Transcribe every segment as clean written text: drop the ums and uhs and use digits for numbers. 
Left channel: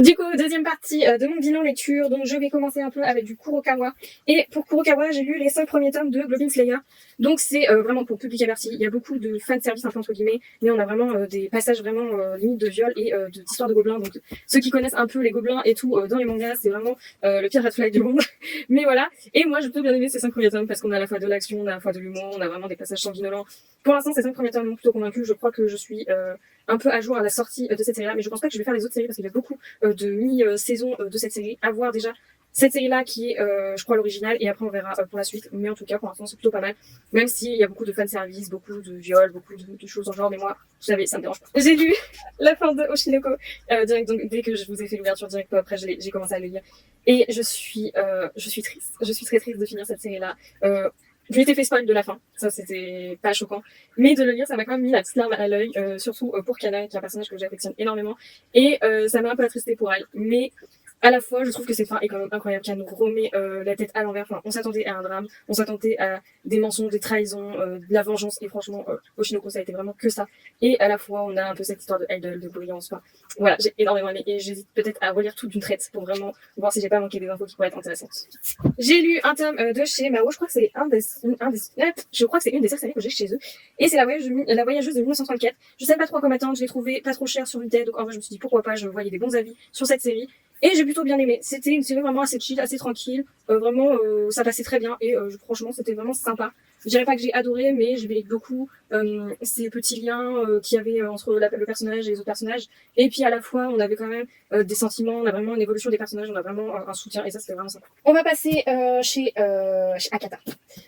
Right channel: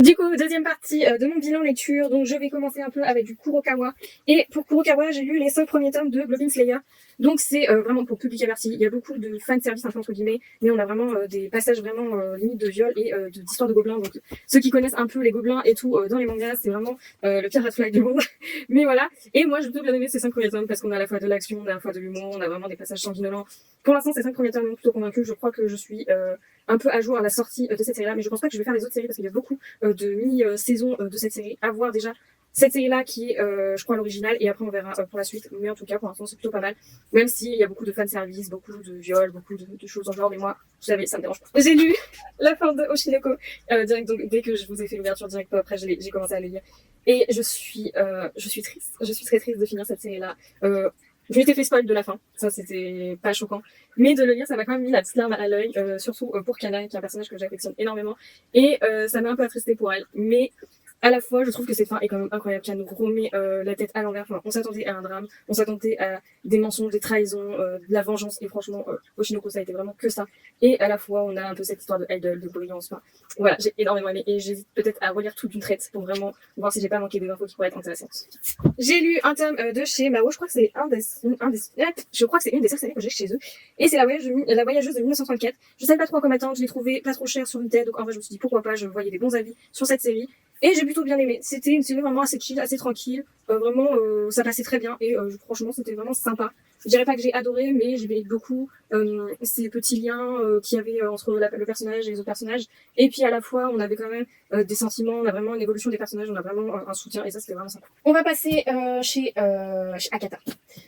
Du coup, deuxième partie de mon bilan lecture, donc je vais commencer un peu avec du Kurokawa. Et pour Kurokawa, j'ai lu les 5 premiers tomes de Goblin Slayer. Donc c'est vraiment pour public averti. Il y a beaucoup de fanservice un peu entre guillemets, mais on a vraiment des passages vraiment limite de viol et d'histoire de gobelins. Donc ceux qui connaissent un peu les gobelins et tout dans les mangas, c'est vraiment le pire red flag du monde. Mais voilà. Et moi, je peux bien aimer ces 5 premiers tomes parce qu'on a à la fois de l'action, on a à la fois de l'humour, on a vraiment des passages sanguinolents. Pour l'instant, ces 5 premiers tomes m'ont plutôt convaincu. Je crois que je suis un peu à jour à la sortie de cette série-là, mais je pense pas que je vais faire les autres séries parce qu'il y a beaucoup de mini-saison de cette série. À voir déjà cette série-là qui est, je crois, l'original, et après on verra pour la suite. Mais en tout cas, pour l'instant, c'est plutôt pas mal. Même s'il y a beaucoup de fanservice, beaucoup de viols, beaucoup de choses en genre, mais moi, vous savez, ça me dérange pas. J'ai lu la fin de Oshinoko direct, donc dès que je vous ai fait l'ouverture direct, après j'ai commencé à le lire. Et je suis triste. Je suis très triste de finir cette série-là. Je m'étais fait spoil de la fin, ça c'était pas choquant, mais de le lire ça m'a quand même mis la petite larme à l'œil, surtout pour Kana qui est un personnage que j'affectionne énormément, et ça m'a un peu attristée pour elle, mais à la fois je trouve que cette fin est quand même incroyable, qu'elle nous remet la tête à l'envers. Enfin, on s'attendait à un drame, on s'attendait à des mensonges, des trahisons, de la vengeance, et franchement Oshinoko ça a été vraiment que ça, et à la fois on a un peu cette histoire de idol, de brillance. Enfin, voilà, j'ai énormément aimé, et j'hésite peut-être à relire tout d'une traite pour vraiment voir si j'ai pas manqué des infos qui pourraient être intéressantes. J'ai lu un tome de chez Mao, je crois que c'est je crois que c'est une des seules séries que j'ai chez eux. Et c'est la voyageuse de 1934. Je savais pas trop à quoi m'attendre, je l'ai trouvé pas trop cher sur Vinted, donc en vrai je me suis dit pourquoi pas, je voyais des bons avis sur cette série. Et j'ai plutôt bien aimé. C'était une série vraiment assez chill, assez tranquille. Vraiment, ça passait très bien, et franchement c'était vraiment sympa. Je dirais pas que j'ai adoré, mais j'ai aimé beaucoup ces petits liens qu'il y avait entre le personnage et les autres personnages. Et puis à la fois, on avait quand même des sentiments, on a vraiment une évolution des personnages, on a vraiment un soutien, et ça c'était vraiment sympa. On va passer chez Akata.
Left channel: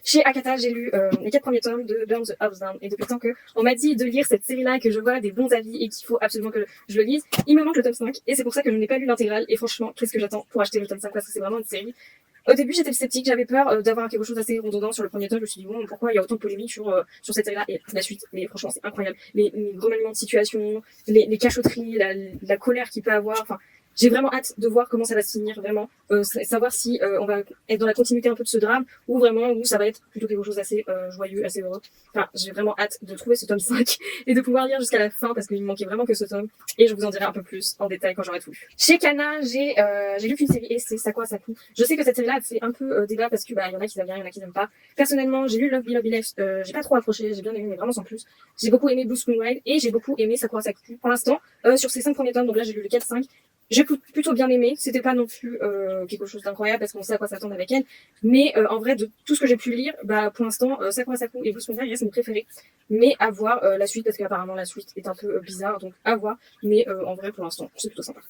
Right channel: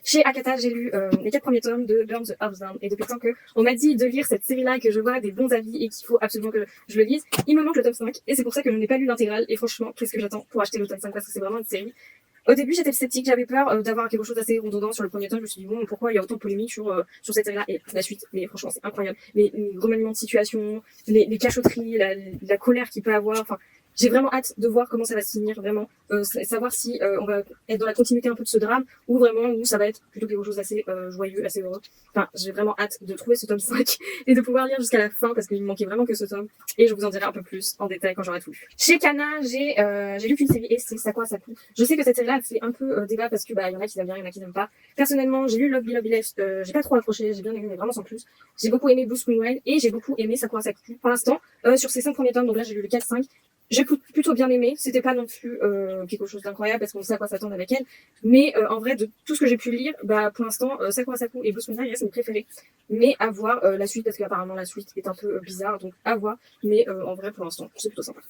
Chez Akata, j'ai lu les 4 premiers tomes de Burn the House Down, et depuis le temps que on m'a dit de lire cette série-là, que je vois des bons avis et qu'il faut absolument que je le lise, il me manque le tome 5, et c'est pour ça que je n'ai pas lu l'intégrale. Et franchement, qu'est-ce que j'attends pour acheter le tome 5, parce que c'est vraiment une série. Au début, j'étais sceptique, j'avais peur d'avoir quelque chose d'assez redondant sur le premier tome. Je me suis dit, bon, pourquoi il y a autant de polémiques sur cette série-là, et la suite. Mais franchement, c'est incroyable. Les remaniements de situation, les cachotteries, la colère qu'il peut avoir. Enfin, j'ai vraiment hâte de voir comment ça va se finir, vraiment. Savoir si on va être dans la continuité un peu de ce drame, ou vraiment où ça va être plutôt quelque chose d'assez joyeux, assez heureux. Enfin, j'ai vraiment hâte de trouver ce tome 5 et de pouvoir lire jusqu'à la fin, parce qu'il me manquait vraiment que ce tome. Et je vous en dirai un peu plus en détail quand j'aurai tout lu. Chez Kana, j'ai lu qu'une série, et c'est Sakura Saku. Je sais que cette série-là fait un peu débat, parce que y en a qui aiment bien, il y en a qui n'aiment pas. Personnellement, j'ai lu Love Be Love Be Life, j'ai pas trop accroché, j'ai bien aimé, mais vraiment sans plus. J'ai beaucoup aimé Blue Spoon Ride, et j'ai beaucoup aimé Sakura Saku. Pour l'instant, sur ces 5 premiers tomes, donc là j'ai lu le 4-5, j'ai plutôt bien aimé. C'était pas non plus quelque chose d'incroyable, parce qu'on sait à quoi s'attendre avec elle. Mais en vrai, de tout ce que j'ai pu lire, pour l'instant, Sakura Saku et Blue Spoon Ride restent mes préférés. Mais à voir la suite, parce qu'apparemment la suite est un peu bizarre, donc à voir. Mais en vrai, pour l'instant, c'est plutôt sympa.